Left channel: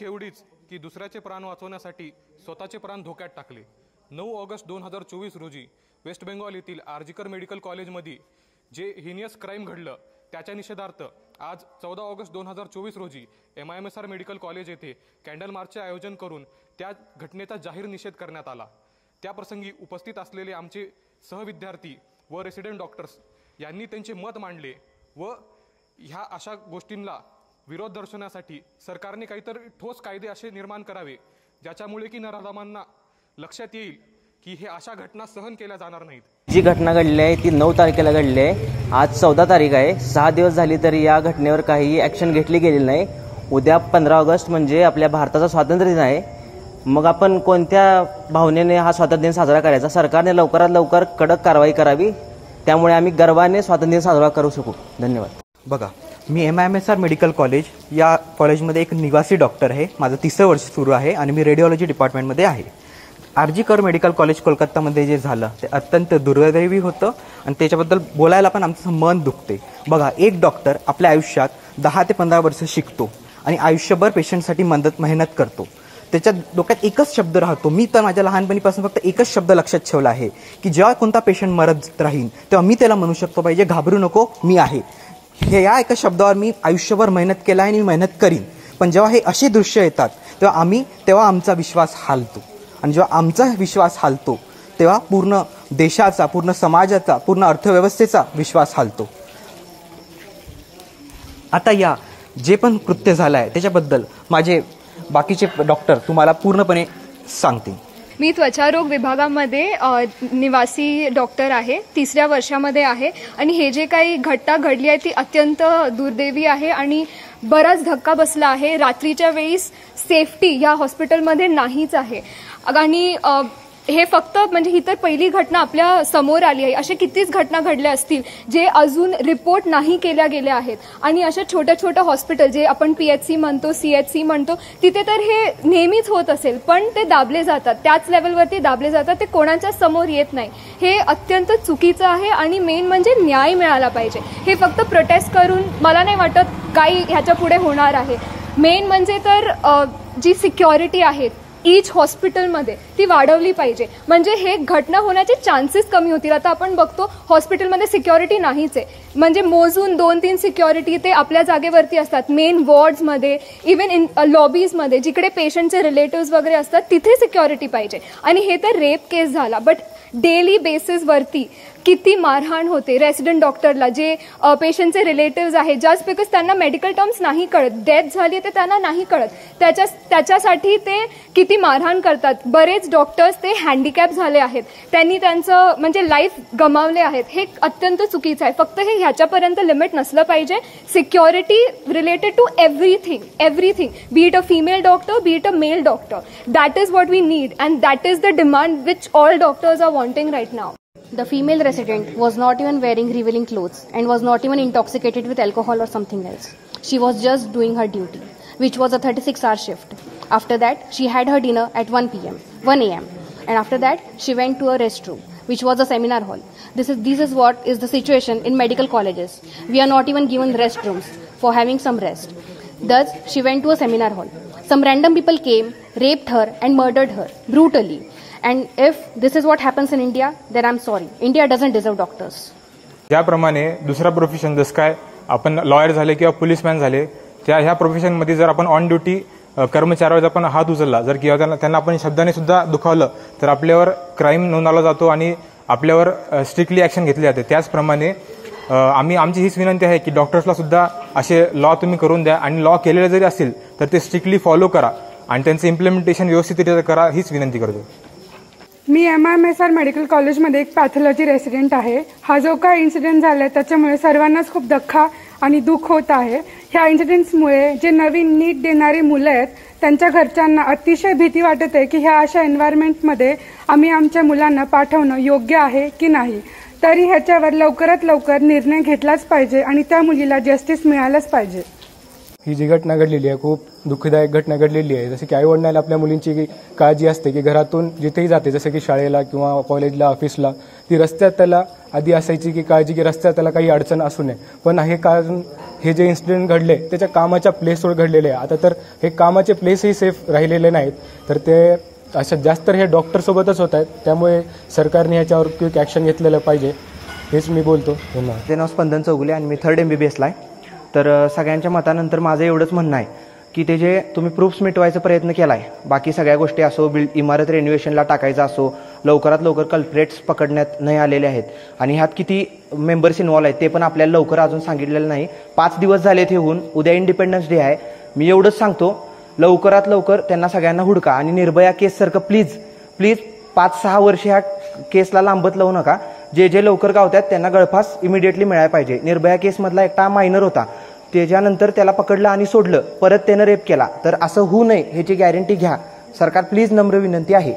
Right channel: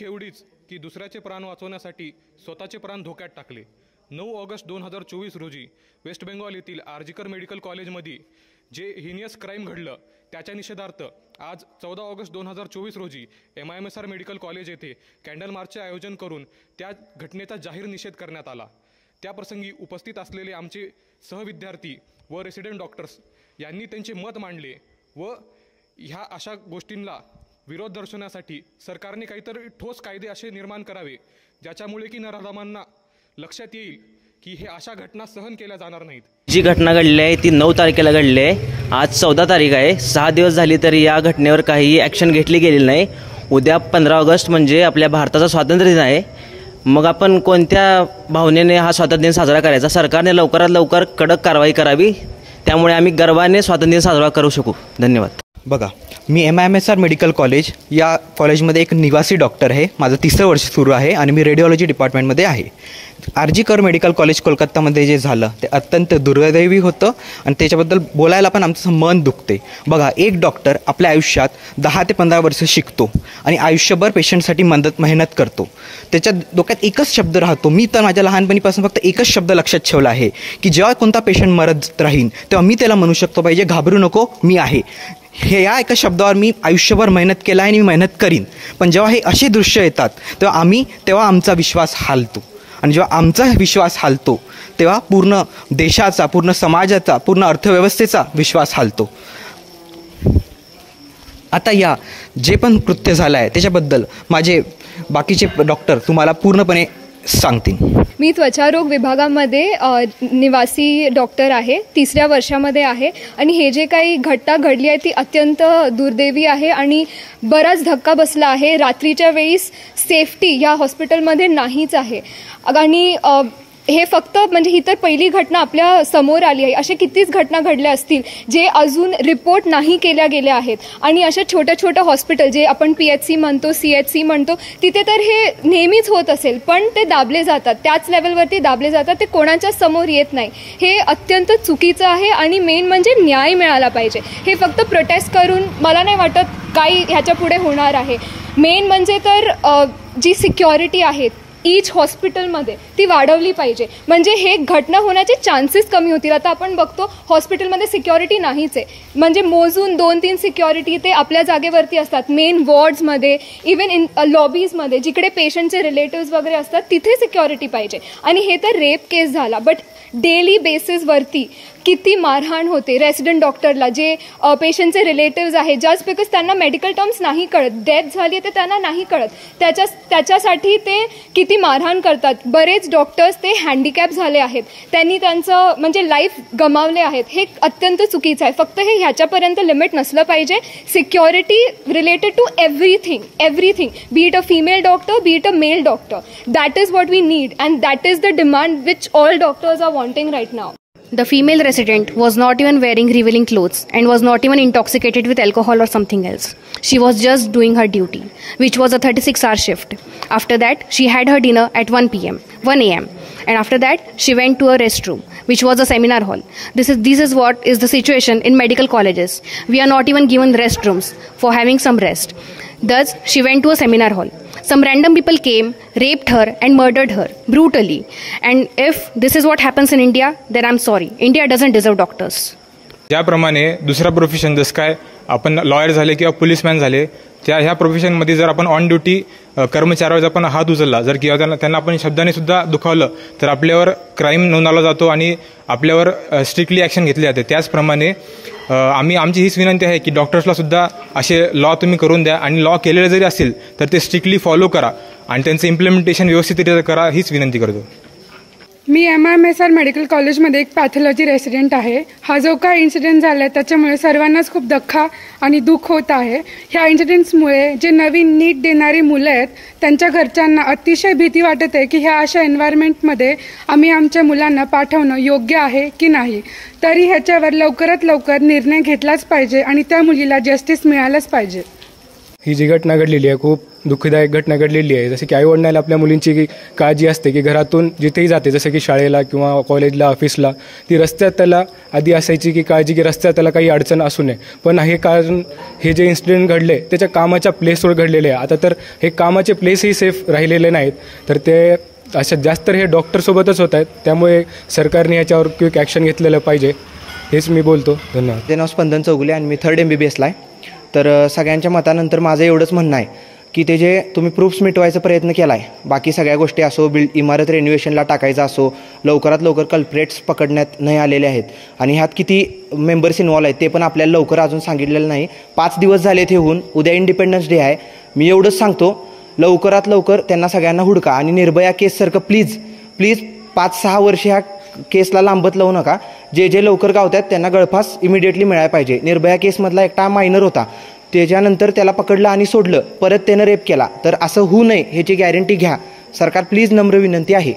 चूक एवढीच की दुसऱ्याचे प्राण वाचवण्यासाठी स्वतःचे प्राण धोक्यात टाकले। 9 ऑगस्ट 2024 रोजी वेस्ट बेंगॉल येथील आर्जिकर मेडिकल कॉलेजमध्ये जे हिनियस क्राईम घडलं त्याच्या निषेधार्थ आज 14 ऑगस्ट 2024 रोजी MIMSR मेडिकल कॉलेज येथे कॅन्डल मार्चचे आयोजन करून त्या घटनेचा जाहीर निषेध करण्यात आला। त्याप्रसंगी उपस्थित असलेले आमचे सहविद्यार्थी व रेसिडेंट डॉक्टर्स यांनी त्यांचे मत मांडले व ह्या अशा गोष्टींना विरोध दर्शवण्यासाठी सरकारने काहीतरी ठोस कायदे असे निर्माण करावे ज्याच्यामुळे की नराधमांना लक्षात येईल की हे अशा घटना सहन केल्या जाणार नाहीत। जी घटना घडली आहे ती 9 तारखेला घडली आहे। आज 14 तारीख आहे। 6 दिवस झाली तरी या घटनेवर काही ॲक्शन घेतली गेलेली नाही। उद्या 15 ऑगस्ट म्हणजे आपल्या भारताचा स्वातंत्र्य दिन आहे। मग आपण कोणत्या भावनेने हा स्वातंत्र्य दिन साजरा करायचा? सरकारने लवकरात लवकर कडक कारवाई करावी, त्यामुळे आम्ही गर्वाने स्वातंत्र्य दिन साजरा करू शकू। धन्यवाद। बघा, मी MIMSR मेडिकल कॉलेज या कॉलेजमध्ये एक निवासी डॉक्टर आहे। माझं 3रं वर्ष सुरू आहे आणि मी रेडिओलॉजी डिपार्टमेंटमध्ये आहे। आर्जिकर मेडिकल कॉलेज कोलकातामध्ये जे झालं ते अत्यंत दुर्दैवी होतं आणि त्याच्याबद्दल बोलायला पण आमचं मन दुखते। बघा, एक डॉक्टर आपल्या आयुष्यात 10 ते 15 वर्ष शिकतो आणि आयुष्यभर पेशंटसाठी मेहनत करतो। त्याच्या डोक्यात एकच शब्द राहतो। मी तर माझ्या लहानपणीपासून फक्त एकच शब्द लक्षात ठेवला आहे की जेव्हा कोणता पेशंट मरत राहीन तेव्हा मी त्याला म्हणू शकतो पाहिजे, घाबरू नको, मी आहे। हे या एका शब्दावर मी आयुष्यभर मेहनत केला आहे आणि मी मेहनत करीन। पण जेव्हा हे असे दृश्य येतात तेव्हा आमचा विश्वास हालतो आणि जेव्हा आमचा विश्वास हालतो तेव्हा पूर्ण देशाचा, पूर्ण समाजाचा, पूर्ण अर्थव्यवस्थेचा विश्वास हालतो। आता या जे पण कृत्य झालं आहे त्याच्याबद्दल माझे बाकीचे डॉक्टर तुम्हाला पूर्णपणे सांगतील। मी त्वचारोग विभागामध्ये निवासी डॉक्टर आहे, 3ऱ्या वर्षामध्ये आहे आणि हे जे काही घटना घडली आहे ती अत्यंत दुर्दैवी आहे आणि बराच धक्का बसला आहे। रात्रीच्या वेळेस सेफ्टी या हॉस्पिटलमध्ये नाहीच आहे आणि हे फक्त म्हणजे ही तर पहिली घटना आपल्या समोर आली आहे। अशा कितीच घटना घडल्या असतील जे अजून रिपोर्ट नाही केल्या गेल्या आहेत आणि अशा छोट्या छोट्या हॉस्पिटल जे आपण PHC म्हणतो, CHC म्हणतो, तिथे तर हे नेहमीच होत असेल पण ते दाबले जातात, त्याच लेवलवरती दाबले जातात, ते कोणाच्या समोर येत नाही। हे अत्यंत चुकीचं आहे आणि मेन म्हणजे न्याय मिळाला पाहिजे। हे फक्त प्रोटेस्ट करून मला नाही वाटत काही ह्याच्या पुढे होणार आहे। मेन म्हणजे तर जी सिक्युरिटी आहेत ईच हॉस्पिटलमध्ये ती वाढवली पाहिजे, म्हणजे हे घटना होण्याचे चान्सेस कमी होतील। आता आपण बघतो हॉस्पिटलमध्ये सिक्युरिटी नाहीच आहे, म्हणजे मोजून 2-3 सिक्युरिटी ते आपल्या जागेवरती असतात। मेन वॉर्ड्समध्ये, इवन इन लॉबीजमध्ये जिकडे पेशंटचे रिलेटिव्स वगैरे असतात तिथे सिक्युरिटी पाहिजे। आणि हे तर रेप केस झाला, बट डेली बेसिसवरती किती मारहाण होते रेसिडेंट डॉक्टरला, जे पेशंटचे रिलेटिव्स आहेत, जस्ट बिकॉज त्यांना मेडिकल टर्म्स नाही कळत, डेथ झाली तर त्यांना नाही कळत, त्याच्यासाठी ते किती मारहाण करतात। बरेच डॉक्टर्स ते हँडिकॅप झाले आहेत, त्यांनी त्यांचं म्हणजे लाईफ गमावले आहेत। हे अत्यंत चुकीचं आहे। फक्त हे ह्याच्यापर्यंत लिमिट नसलं पाहिजे। Security related to everything, be it a female doctor, be it a male doctor, that is what we need and that is the demand which all doctors are wanting right now. The female resident was not even wearing revealing clothes and was not even intoxicated with alcohol or something else. She was just doing her duty, which was a 36-hour shift. After that, she had her dinner at 1 a.m. And after that, she went to a restroom, which was a seminar hall. This is what is the situation in medical colleges. We are not even given restrooms for having some rest. Thus, she went to a seminar hall. Some random people came, raped her and murdered her brutally. And if this is what happens in India, then I'm sorry. India doesn't deserve doctors. ज्याप्रमाणे दुसरा profession जसं काय आपण lawyer झाले किंवा पोलीसमॅन झाले, ह्या प्रोफेशनमध्ये जर आपण ऑन ड्युटी कर्मचाऱ्यावर आपण हात उचलला जर किंवा त्यांना आपण शब्दाने सुद्धा दुखावलं तर आपल्यावर क्राईम नोंदवला जातो आणि आपल्यावर स्ट्रिक्टली ॲक्शन घेतली जाते। त्याचप्रमाणे आमची हीच विनंती आहे की डॉक्टर्सला सुद्धा असे लॉ तुम्ही करून द्या आणि लॉ केलेले जरी असतील तर ते स्ट्रिक्टली फॉलो करा आणि त्यांचं इम्प्लिमेंटेशन व्यवस्थितरित्या करा, हीच विनंती करतो। मी MIMSR मेडिकल कॉलेजमध्ये एक पॅथॉलॉजी रेसिडेंट आहे। हा जो काय इन्सिडेंट झाला आहे त्याच्यामुळे सर्वांनाच खूप धक्का आणि दुःख होत आहे। ह्या इन्सिडेंट्समुळे जे नवीन नीट देणारी मुलं आहेत त्यांच्या घरच्यांना अतिशय भीती वाटत आहे की ह्या अशा एन्व्हायरमेंटमध्ये आम्ही आमच्या मुलांना पाठवणं योग्य आहे की नाही। तरी ह्याच्यावर लवकरात लवकर निर्णय घेतलाच पाहिजे आणि त्या मुलीला जस्टिस मिळालंच पाहिजे। ही जी घटना घडलेली आहे खूप दुःखदायक घटना घडलेली आहे. जसे की आईवडिलांना आपल्या मुलींची काळजी असते की घरातून जिथेही जाते, जसं की शाळेला किंवा कॉलेजला, ऑफिसला, ती रस्त्यात त्याला आधी असायची की काळजी की रस्त्यात त्याला काही अडचण असू नये. पण हे कारण हे जे इन्सिडेंट घडले त्याच्या कामाच्या प्लेसवर घडलेले आहे. आता तर हे कामाचे प्लेसही सेफ राहिलेले नाहीत, तर ते अशा जास्त तर हे डॉक्टरसोबतच होत आहेत. त्यामुळे सरकारने याच्यावर क्विक ॲक्शन घेतलेलं पाहिजे, हेच मी बोलतो. धन्यवाद. माझे नाव स्पंदन चौगुले आणि मी 3rd MBBSला आहे. तर सगळ्यांच्या मतानंतर माझं एवढंच म्हणणं आहे की ते जे तुम्ही प्रूफ्स मिटवायचा प्रयत्न केला आहे, बाकी सगळ्या गोष्टी असो, इमारत रेन्युएशनला टाकायचा असो, लवकरात लवकर कल्प्रेट्स पकडण्यात नाही आलेले आहेत आणि ह्यात किती मेंबर्स इन्व्हॉल्व आहेत ते पण आपल्याला लवकर अजून सांगितलेलं नाही. 5 दिवस झाले ते होऊन, उद्या इंडिपेंडन्स डे आहे. मी एवढंच सांगतो, लवकरात लवकर त्यांना सगळ्यांना हुडका आणि निर्भया केससारखं प्लीज 5-6 वर्ष ह्या केसला लांबत लावू नका. जे लवकर गावतात त्यांना गळफास इमिडिएटली मिळायला पाहिजे. निर्भया केसमधला एकटा मायनर होता, त्याच्यानंतर त्याला पकडलं आणि सोडलं, परत त्यानं रेप केला. तर असं होऊ नये ह्याची गॅरंटी घ्या. सरकार प्लीज, नम्र विनंती आहे.